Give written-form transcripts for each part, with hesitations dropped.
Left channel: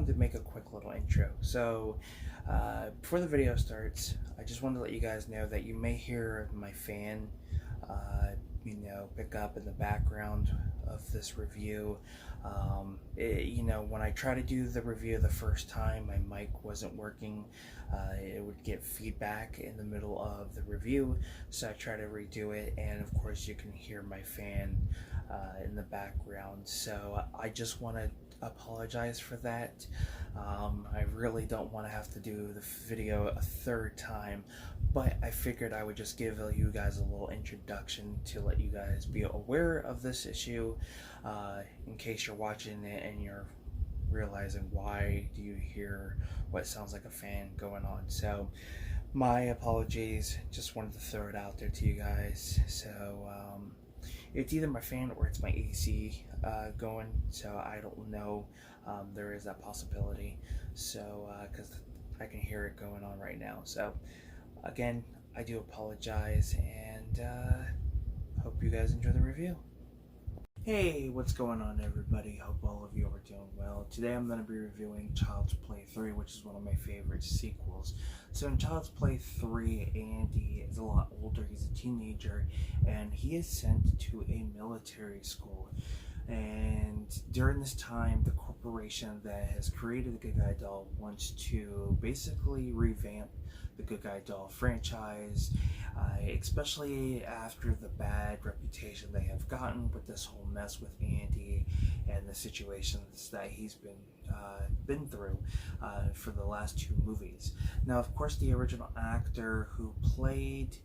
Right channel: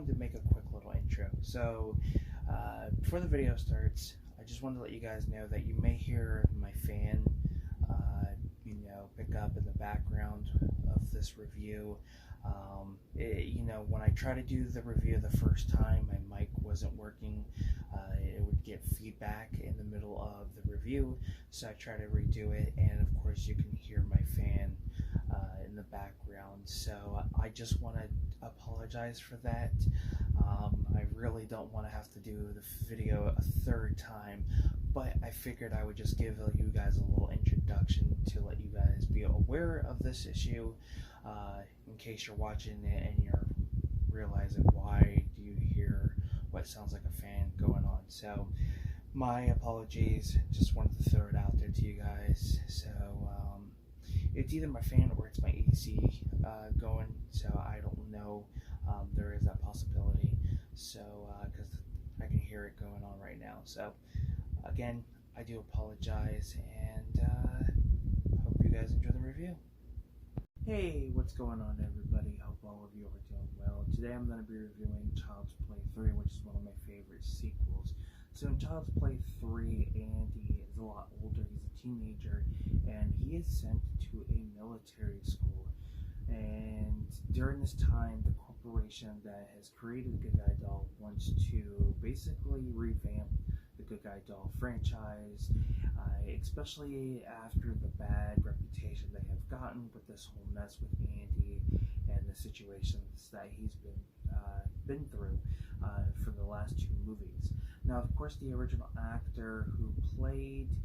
wanted to make a quick little intro. So, before the video starts, I just wanted to let you guys know that you may hear my fan, pick up in the background of this review. When I try to do the review the first time, my mic wasn't working. It would get feedback in the middle of the review, so I try to redo it, and of course you can hear my fan in the background. So I just want to apologize for that. I really don't want to have to do the video a third time, but I figured I would just give you guys a little introduction to let you guys be aware of this issue, in case you're watching it and you're realizing why do you hear what sounds like a fan going on. So my apologies, just wanted to throw it out there to you guys. So it's either my fan or it's my AC going, so I don't know. There is that possibility, so because I can hear it going on right now. So again, I do apologize, and hope you guys enjoy the review. Hey, what's going on, everybody? Hope all of you are doing well. Today I'm going to be reviewing Child's Play 3, which is one of my favorite sequels. So in Child's Play 3, Andy is a lot older. He's a teenager, and he is sent to a military school. And during this time, the corporation that has created the Good Guy Doll wants to basically revamp the Good Guy Doll franchise, especially after the bad reputation they have gotten with this whole mess with Andy and the situations that he's been through for the last two movies. Now, of course, the original actor who played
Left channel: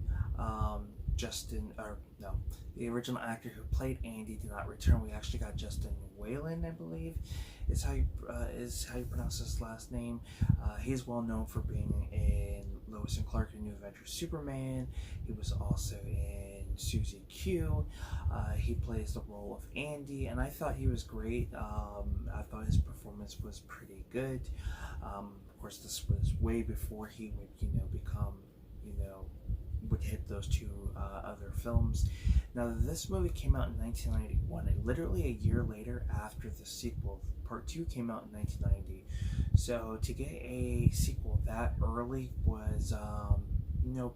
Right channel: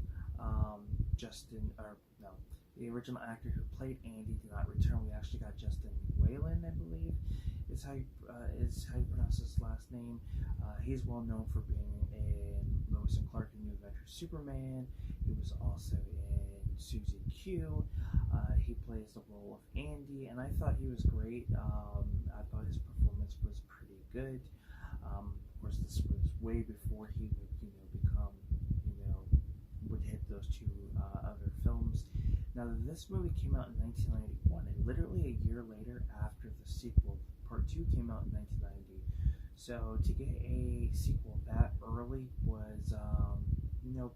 the original actor who played Andy did not return. We actually got Justin Whalen, I believe, is how you pronounce his last name. He's well known for being in Lois and Clark in New Adventures Superman. He was also in Susie Q. He plays the role of Andy, and I thought he was great. I thought his performance was pretty good. Of course, this was way before he would hit those two other films. Now, this movie came out in 1991, and literally a year later after the sequel. Part 2 came out in 1990. So to get a sequel that early was,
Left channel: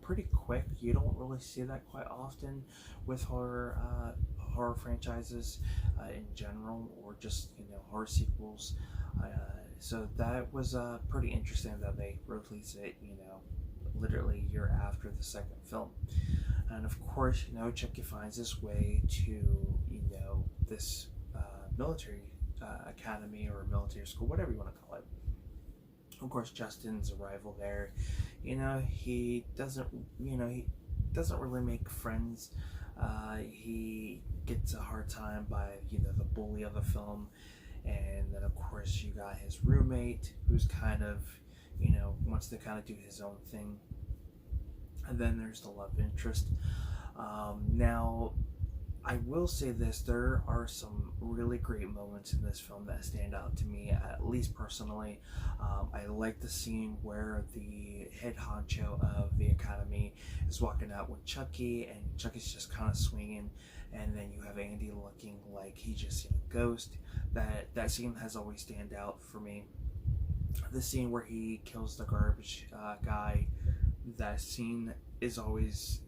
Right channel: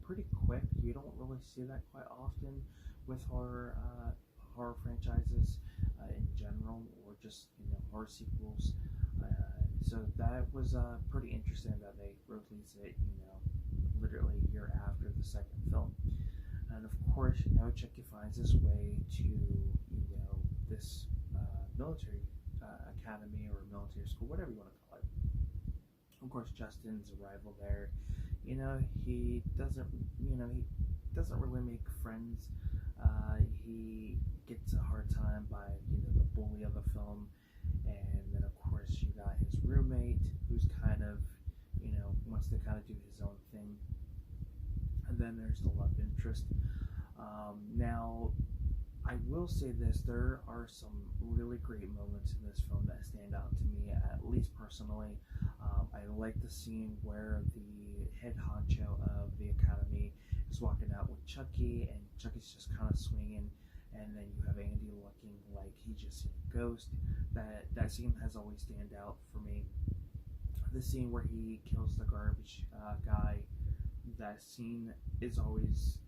pretty quick. You don't really see that quite often with horror franchises in general, or just horror sequels. So that was pretty interesting that they released it, literally a year after the second film. And of course, Chucky finds his way to this military academy or military school, whatever you want to call it. Of course, Justin's arrival there, he doesn't really make friends. He gets a hard time by the bully of the film, and then of course you got his roommate who's kind of wants to kind of do his own thing. And then there's the love interest. Now, I will say this, there are some really great moments in this film that stand out to me, at least personally. I like the scene where the head honcho of the academy is walking out with Chucky, and Chucky's just kind of swinging, and then you have Andy looking like he just seen a ghost. That scene has always stand out for me. The scene where he kills the garbage guy, that scene is always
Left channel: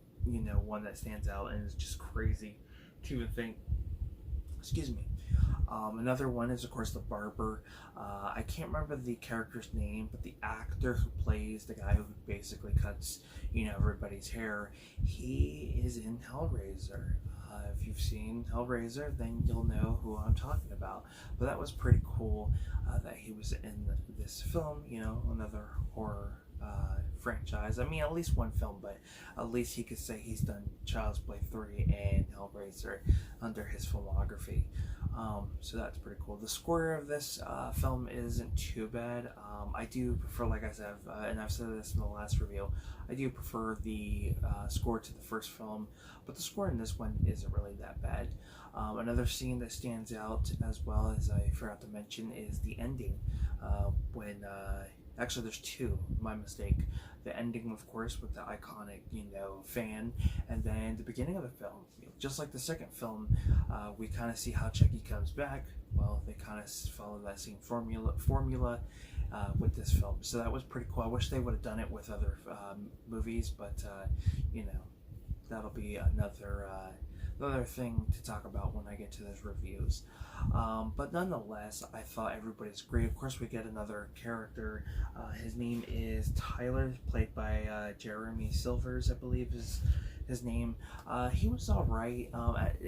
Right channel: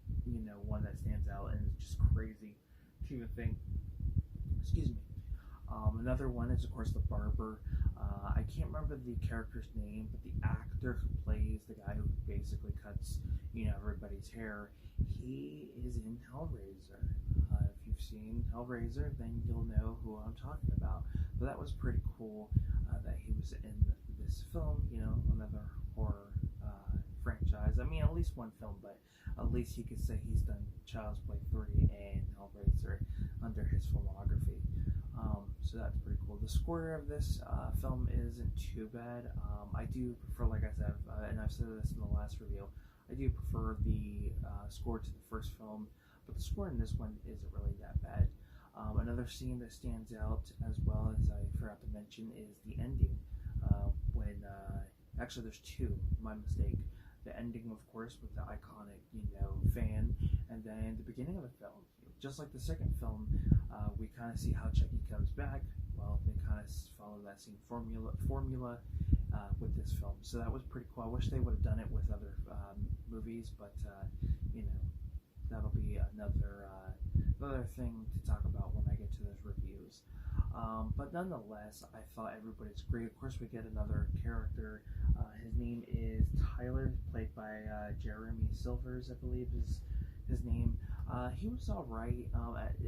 one that stands out, and it's just crazy to even think. Excuse me. Another one is, of course, the barber. I can't remember the character's name, but the actor who plays the guy who basically cuts everybody's hair, he is in Hellraiser. If you've seen Hellraiser, then you'll know who I'm talking about. But that was pretty cool that he was in this film, another horror franchise. I mean, at least one film, but at least he could say he's done Child's Play 3 and Hellraiser under his filmography. So that's pretty cool. The score of this film isn't too bad. I do prefer, like I said, and I've said this in the last review, I do prefer the score to the first film, but the score in this one isn't really that bad. Another scene that stands out, as well as I forgot to mention, is the ending when actually there's two, my mistake. the ending, of course, with the iconic, fan, and then the beginning of the film. Just like the second film, we kind of see how Chucky comes back. Well, they kind of follow that same formula with this film, so that was pretty cool. I wish they would have done it with other movies, but you know, that'll be another thing to talk about when I get to those reviews. But nonetheless, I thought everybody's great. Of course, we get another character. His name is Tyler, played by Jeremy Silvers, I believe is his name. He was alright.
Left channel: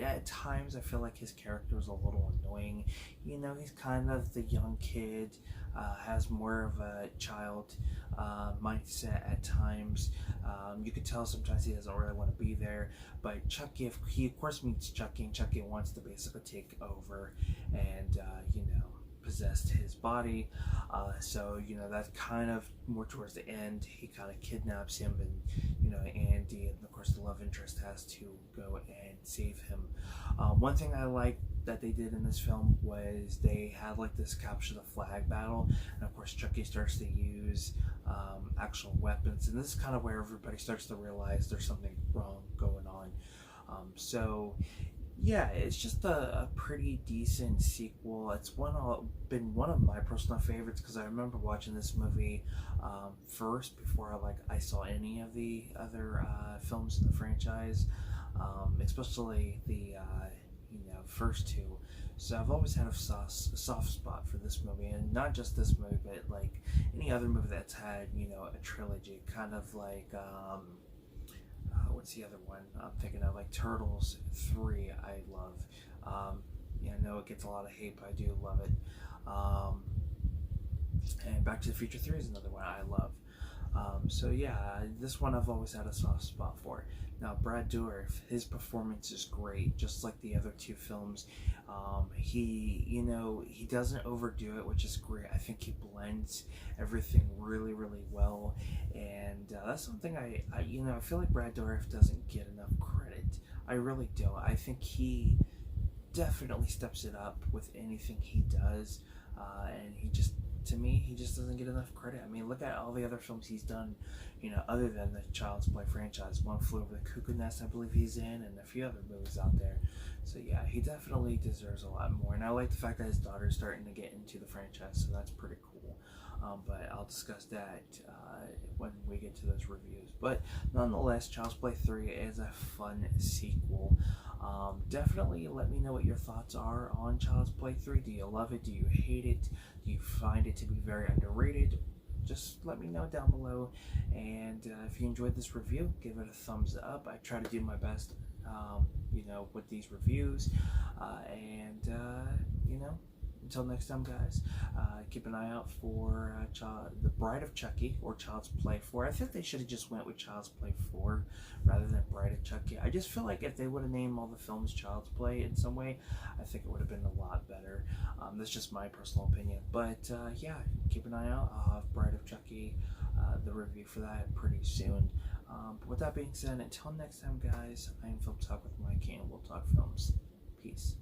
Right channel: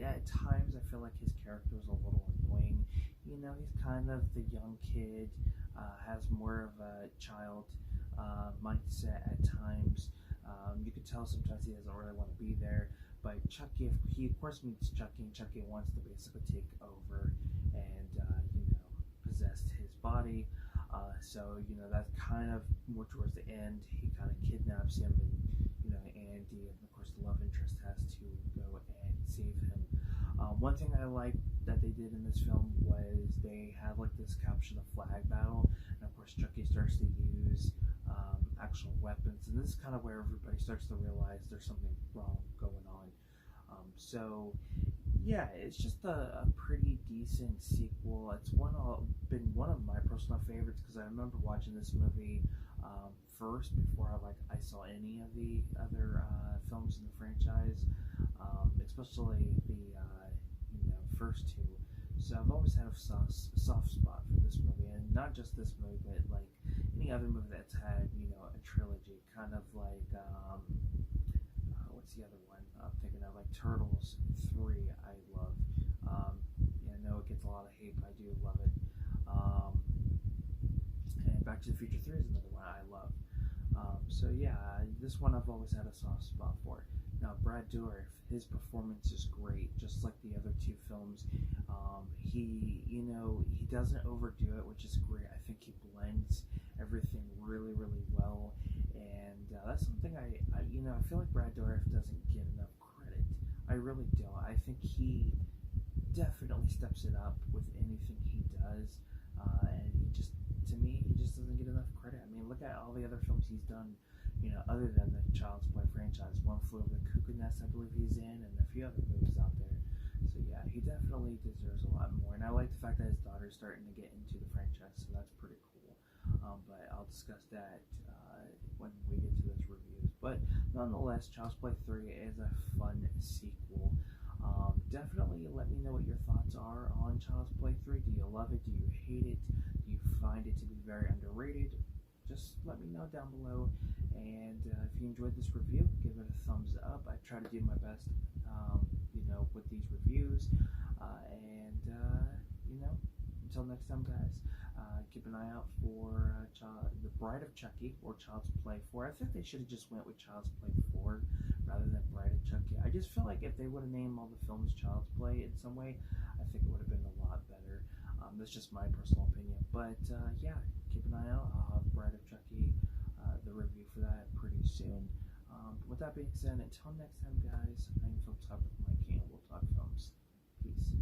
At times, I feel like his character was a little annoying. He's kind of the young kid, has more of a child mindset at times. You could tell sometimes he doesn't really want to be there. But Chucky, if he of course meets Chucky, and Chucky wants to basically take over and possess his body. So that's kind of more towards the end. He kind of kidnaps him, and Andy, and of course the love interest, has to go and save him. One thing I liked that they did in this film was they had like this capture the flag battle, and of course Chucky starts to use actual weapons, and this is kind of where everybody starts to realize there's something wrong going on. So yeah, it's just a pretty decent sequel. It's been one of my personal favorites, because I remember watching this movie first before I saw any of the other films in the franchise, especially the first two. So I've always had a soft spot for this movie, and not just this movie, but like any other movie that's had a trilogy, kind of like what's the other one I'm thinking of, like Turtles 3. I love. I know it gets a lot of hate, but I do love it. And Back to the Future 3 is another one I love. So yeah, this one I've always had a soft spot for. Now, Brad Dourif, his performance is great, just like the other two films. He doesn't overdo it, which is great. I think he blends everything really, really well, and that's something I feel like Brad Dourif doesn't get enough credit. I really don't. I think he definitely steps it up with anything he does, and to me, he just doesn't get enough credit. I mean, look at all the other films he's done, other than the Child's Play franchise. One Flew Over the Cuckoo Nest, I believe he's in, and a few other movies out there. So yeah, he definitely deserves a lot more. And I like the fact that his daughter's starting to get into the franchise, so that's pretty cool. But I'll discuss that when we get to those reviews. But nonetheless, Child's Play 3 is a fun sequel. Definitely let me know what your thoughts are on Child's Play 3. Do you love it? Do you hate it? Do you find it to be very underrated? Just let me know down below. And if you enjoyed this review, give it a thumbs up. I try to do my best, with these reviews. Until next time, guys, keep an eye out for The Bride of Chucky, or Child's Play 4. I think they should have just went with Child's Play 4 rather than Bride of Chucky. I just feel like if they would have named all the films Child's Play in some way, I think it would have been a lot better. That's just my personal opinion. But yeah, keep an eye out. I'll have Bride of Chucky, the review for that, pretty soon. But with that being said, until next time, guys, I am Film Talk with Mike, and we'll talk films. Peace.